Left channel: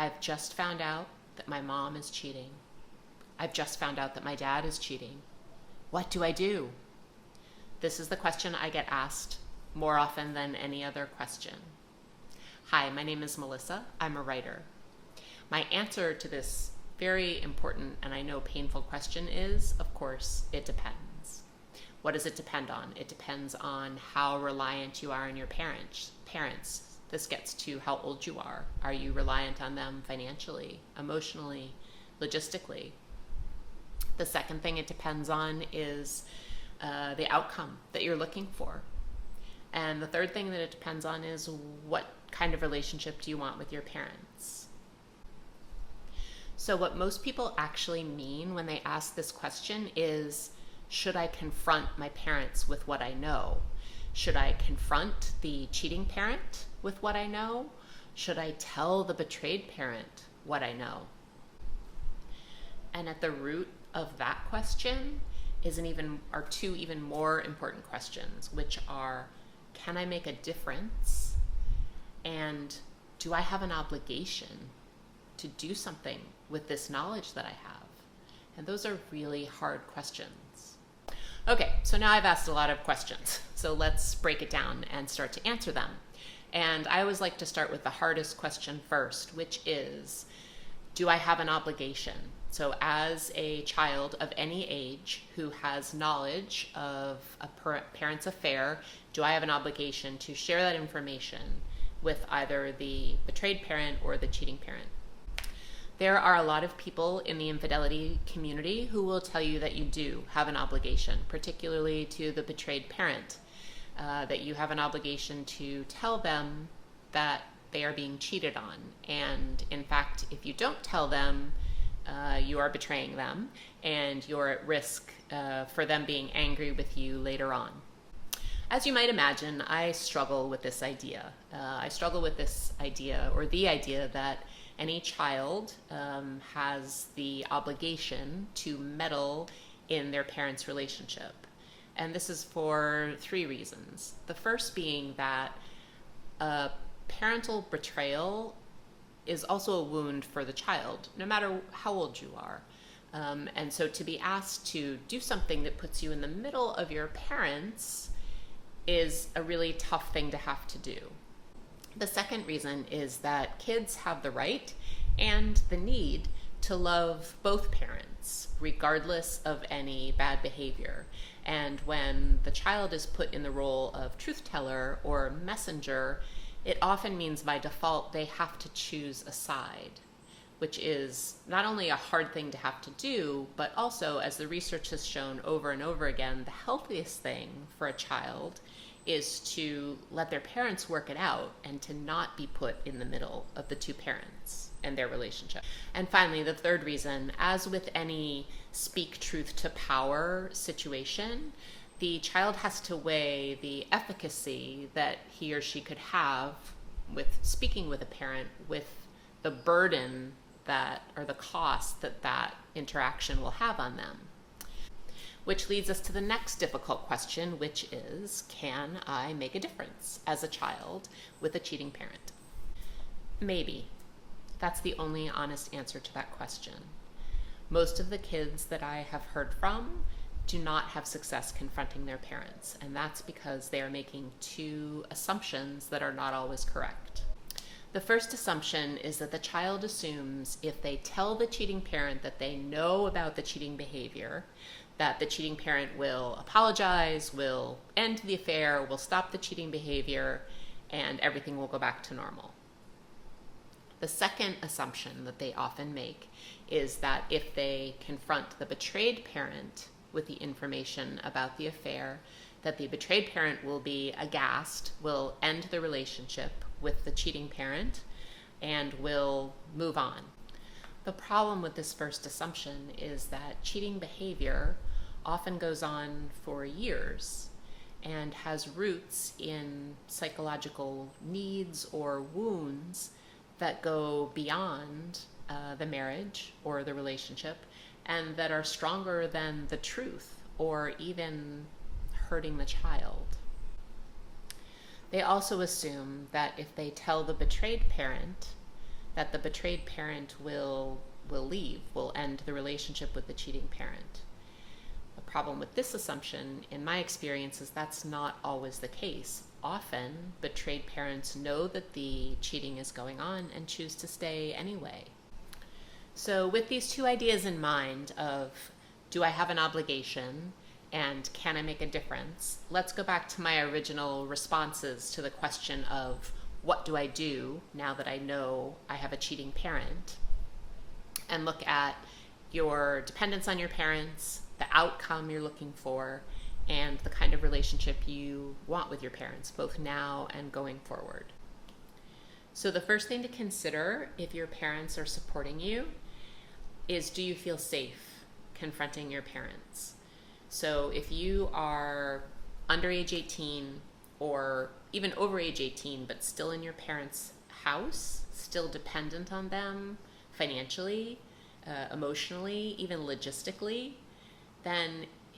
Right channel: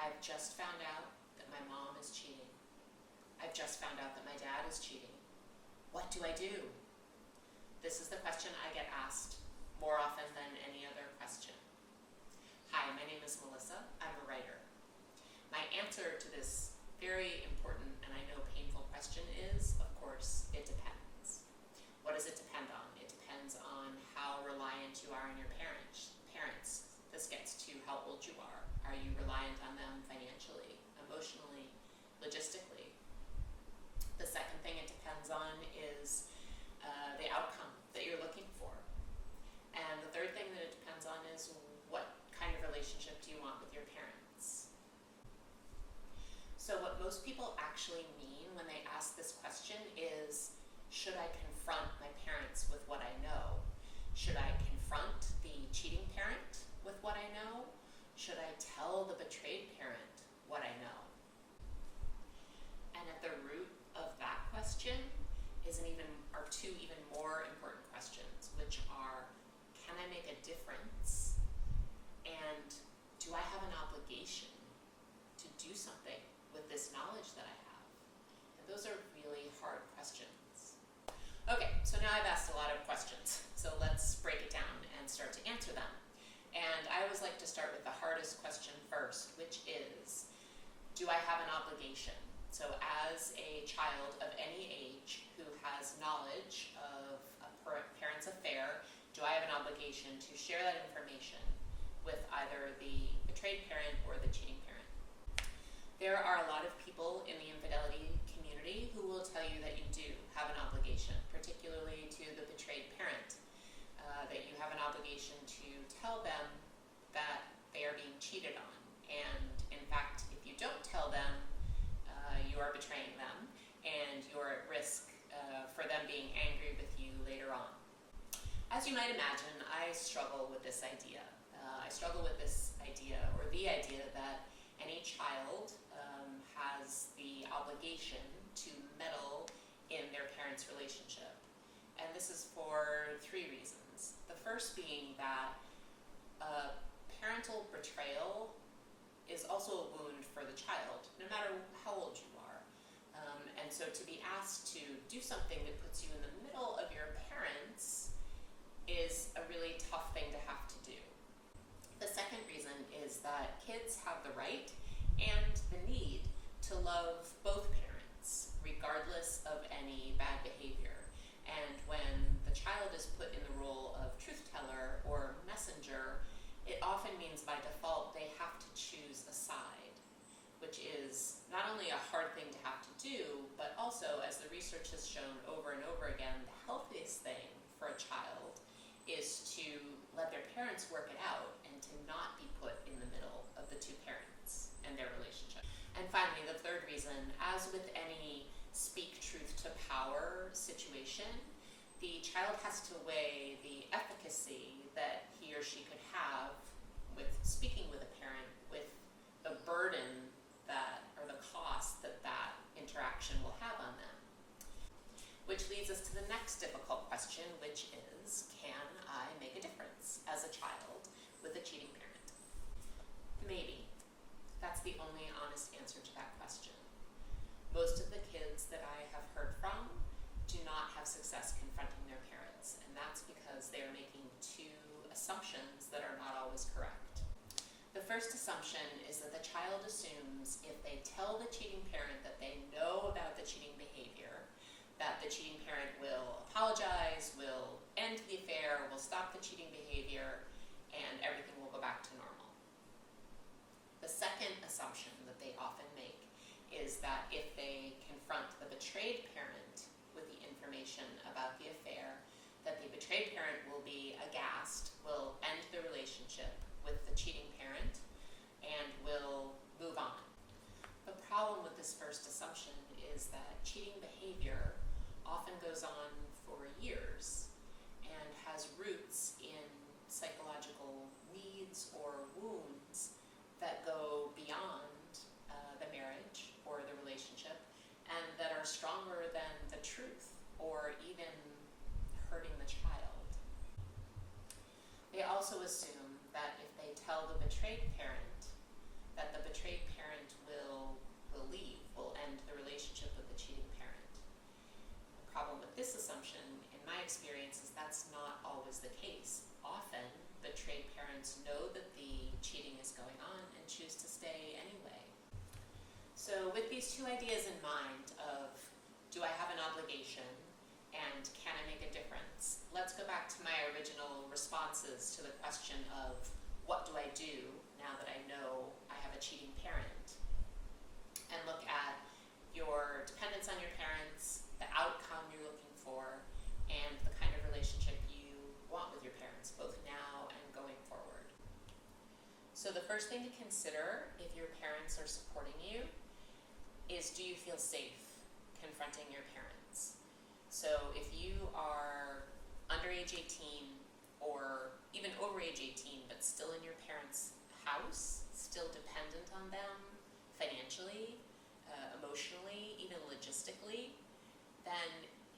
I've just found out that my mom is cheating. I've just found out that my dad is cheating. What do I do? This is the question I get asked more often than any other question. Hi, my name is Melissa. I'm a writer. My answer to this very important and I know painful question is, of course, it depends. What does it depend on? It depends on how reliant you are on your parents. This gets to how old you are. Are you reliant on them financially, emotionally, logistically? The second thing it depends on is the outcome that you're looking for. And the third thing that it depends on is what kind of relationship do you want with your parents? So what most people actually mean when they ask this question is, should I confront my parents with what I know? Should I confront the cheating parent with what I know? Should I tell the betrayed parent what I know? And at the root of that question are two even more important questions, which are, can I make a difference? And do I have an obligation to do something with this knowledge that I have? And those are really hard questions. Okay, so now I've asked a lot of questions. So let's break it down and start to answer them. And I always like to start with the hardest question first, which is, do I have an obligation? So as a child of any age who has knowledge of a parent's affair, do I have an obligation to share that information with either the betrayed parent or the cheating parent? There are a lot of people in the infidelity community who will tell you that you do have an obligation, particularly to the betrayed parent, that you have an obligation to tell them that they are being cheated on. And in fact, if you don't tell them, you are betraying them and you're at risk for them being angry with you later on. As you might imagine, I struggle with this idea. Or the idea that any child has the obligation to meddle in their parents' relationship. And this is for three reasons. The first being that parental betrayal is also a wound for the child, no matter how old you are. And so to be asked to do something that puts you in the middle of your parents is a really tough thing to have to do. The second reason is that kids have the right and the need to love both parents, regardless of any bad behavior. And when the child is put in the role of truth teller or messenger, it often means by default they have to choose a side, which is not only a hard thing to have to do, but also, as the research has shown over and over again, the healthiest thing for a child is to let their parents work it out and to not be put in the middle of the two parents and their relationship. And finally, the third reason, as with any speak truth to power situation, the child has to weigh the efficacy that he or she could have with speaking with a parent with the burden or the cost that interaction will have on them. Which leads us to the next difficult question, which is, can I make a difference as a child with a cheating parent? Maybe. That's the only honest answer to that question. Most of the kids that I have heard from do not have success confronting their parents, and that's because they are making two assumptions that are not always correct. The first assumption is that the child assumes if they tell the cheating parent that they know about the cheating behavior, that the cheating parent will apologize, will end the affair, will stop the cheating behavior, and everything will go back to normal. The second assumption that they often make is that if they confront the betrayed parent with the information about the affair, that the betrayed parent will be aghast, will end the relationship with the cheating parent, and will move on. The problem with this first assumption is that cheating behavior often goes on for years and has roots in psychological needs or wounds that go beyond the marriage or the relationship, and that are stronger than the truth or even hurting the child. They also assume that if they tell the betrayed parent that the betrayed parent will leave, will end the relationship with the cheating parent. The problem with this assumption, in my experience, is that's not always the case. Often, betrayed parents know that the cheating is going on and choose to stay anyway. So with these two ideas in mind of, do I have an obligation and can I make a difference? Let's go back to my original responses to the question of, what do I do now that I know I have a cheating parent? And look at your dependence on your parents, the outcome you're looking for, and the kind of relationship you want with your parents, both now and going forward. So the first thing to consider if your parents are supporting you is, do you feel safe confronting your parents? So if you are under age 18 or even over age 18, but still in your parents' house, still dependent on them financially, emotionally, even logistically, then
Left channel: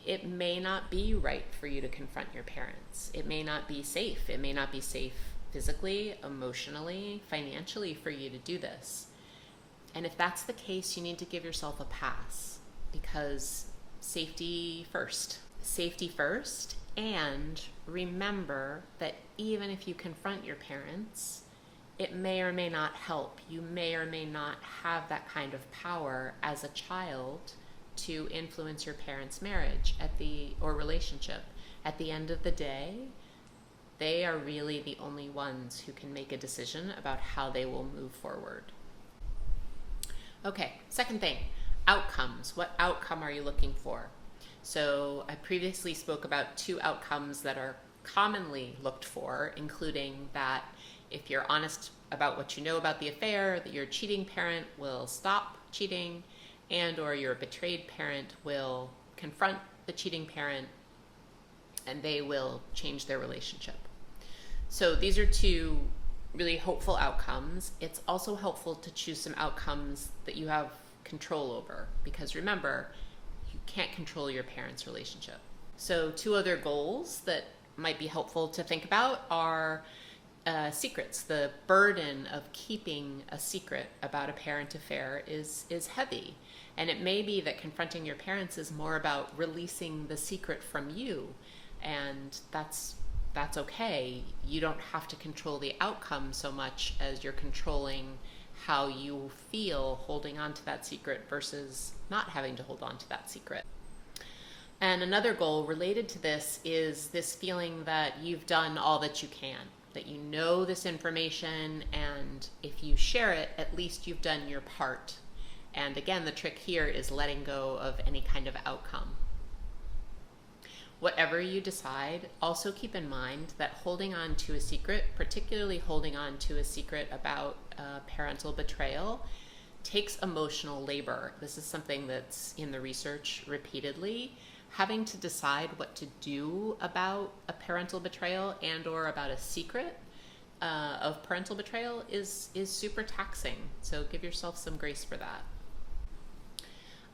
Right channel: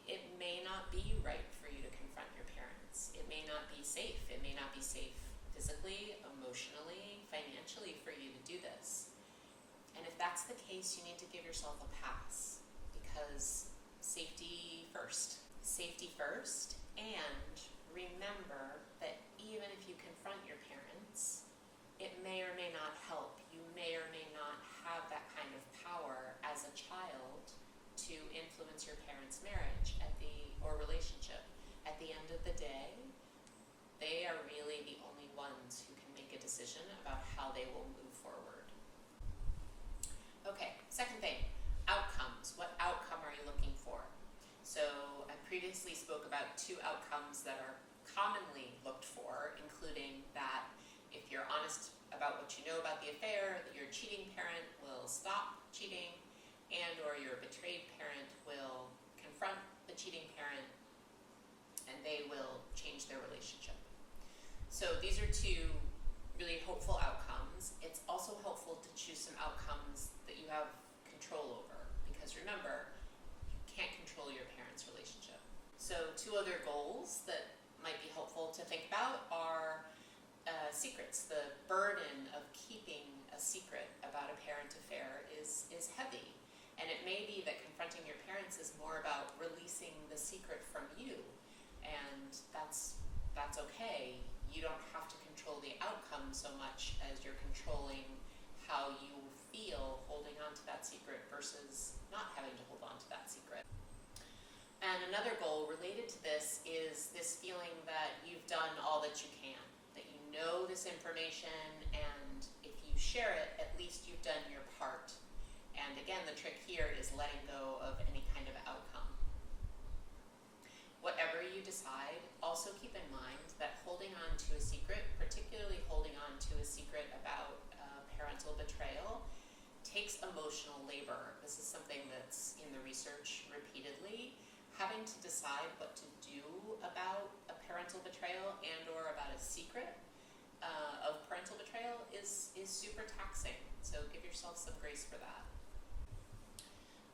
it may not be right for you to confront your parents. It may not be safe. It may not be safe physically, emotionally, financially for you to do this. And if that's the case, you need to give yourself a pass, because safety first. Safety first, and remember that even if you confront your parents, it may or may not help. You may or may not have that kind of power as a child to influence your parents' marriage or relationship. At the end of the day, they are really the only ones who can make a decision about how they will move forward. Okay, second thing, outcomes. What outcome are you looking for? So I previously spoke about two outcomes that are commonly looked for, including that if you're honest about what you know about the affair, that your cheating parent will stop cheating, and or your betrayed parent will confront the cheating parent and they will change their relationship. So these are two really hopeful outcomes. It's also helpful to choose some outcomes that you have control over, because remember, you can't control your parents' relationship. So two other goals that might be helpful to think about are secrets. The burden of keeping a secret about a parent affair is heavy. And it may be that confronting your parents is more about releasing the secret from you. And that's okay. You don't have to control the outcome so much as you're controlling how you feel holding on to that secret versus not having to hold on to that secret. And another goal related to this is this feeling that you've done all that you can, that you know this information, and if you share it, at least you've done your part. And again, the trick here is letting go of any kind of outcome. Whatever you decide, also keep in mind that holding on to a secret, particularly holding on to a secret about parental betrayal, takes emotional labor. This is something that's in the research repeatedly. Having to decide what to do about a parental betrayal and or about a secret of parental betrayal is super taxing. So give yourself some grace for that.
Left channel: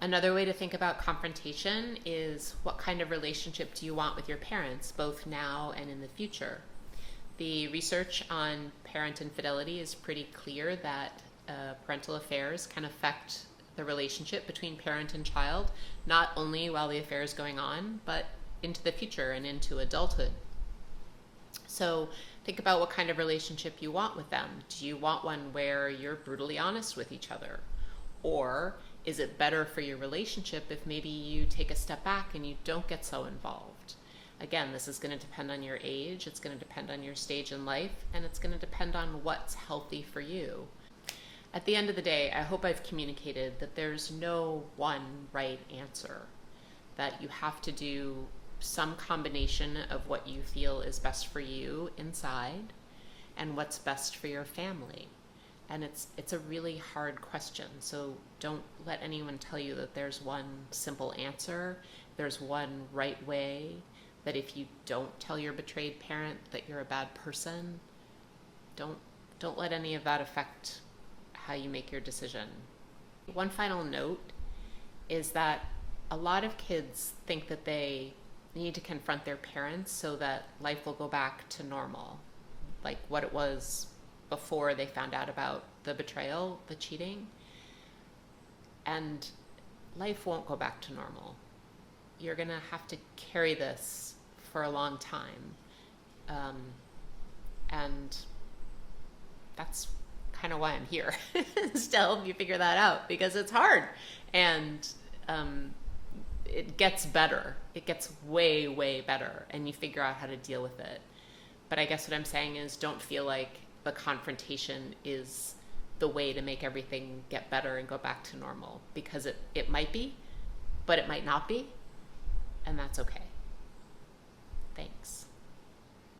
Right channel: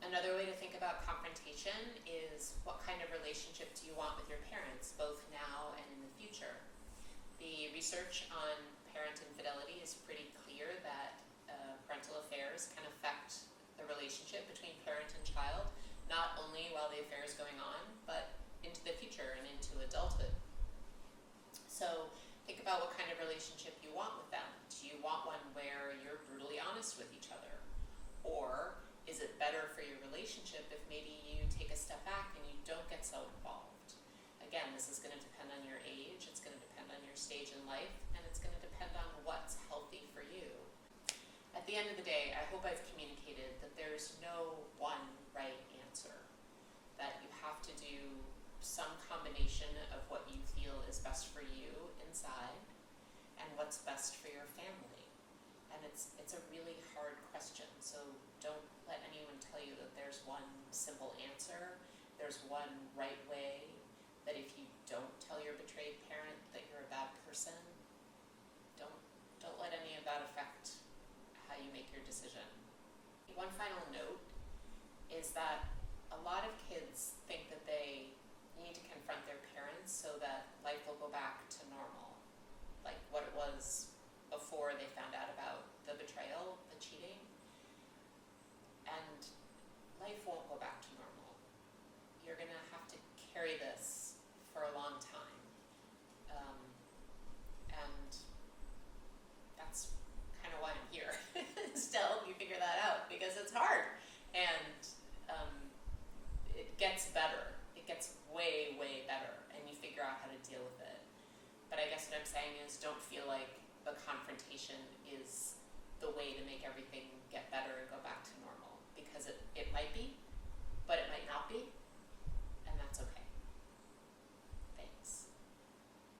Another way to think about confrontation is, what kind of relationship do you want with your parents, both now and in the future? The research on parent infidelity is pretty clear that parental affairs can affect the relationship between parent and child, not only while the affair is going on, but into the future and into adulthood. So think about what kind of relationship you want with them. Do you want one where you're brutally honest with each other? Or is it better for your relationship if maybe you take a step back and you don't get so involved? Again, this is going to depend on your age, it's going to depend on your stage in life, and it's going to depend on what's healthy for you. At the end of the day, I hope I've communicated that there's no one right answer, that you have to do some combination of what you feel is best for you inside and what's best for your family. And it's a really hard question, so don't let anyone tell you that there's one simple answer, there's one right way, that if you don't tell your betrayed parent that you're a bad person. Don't let any of that affect how you make your decision. One final note is that a lot of kids think that they need to confront their parents so that life will go back to normal, like what it was before they found out about the betrayal, the cheating, and life won't go back to normal. You're going to have to carry this for a long time. And that's kind of why I'm here, is to help you figure that out, because it's hard. And it gets better. It gets way, way better, and you figure out how to deal with it. But I guess what I'm saying is, don't feel like the confrontation is the way to make everything get better and go back to normal, because it might be, but it might not be, and that's okay.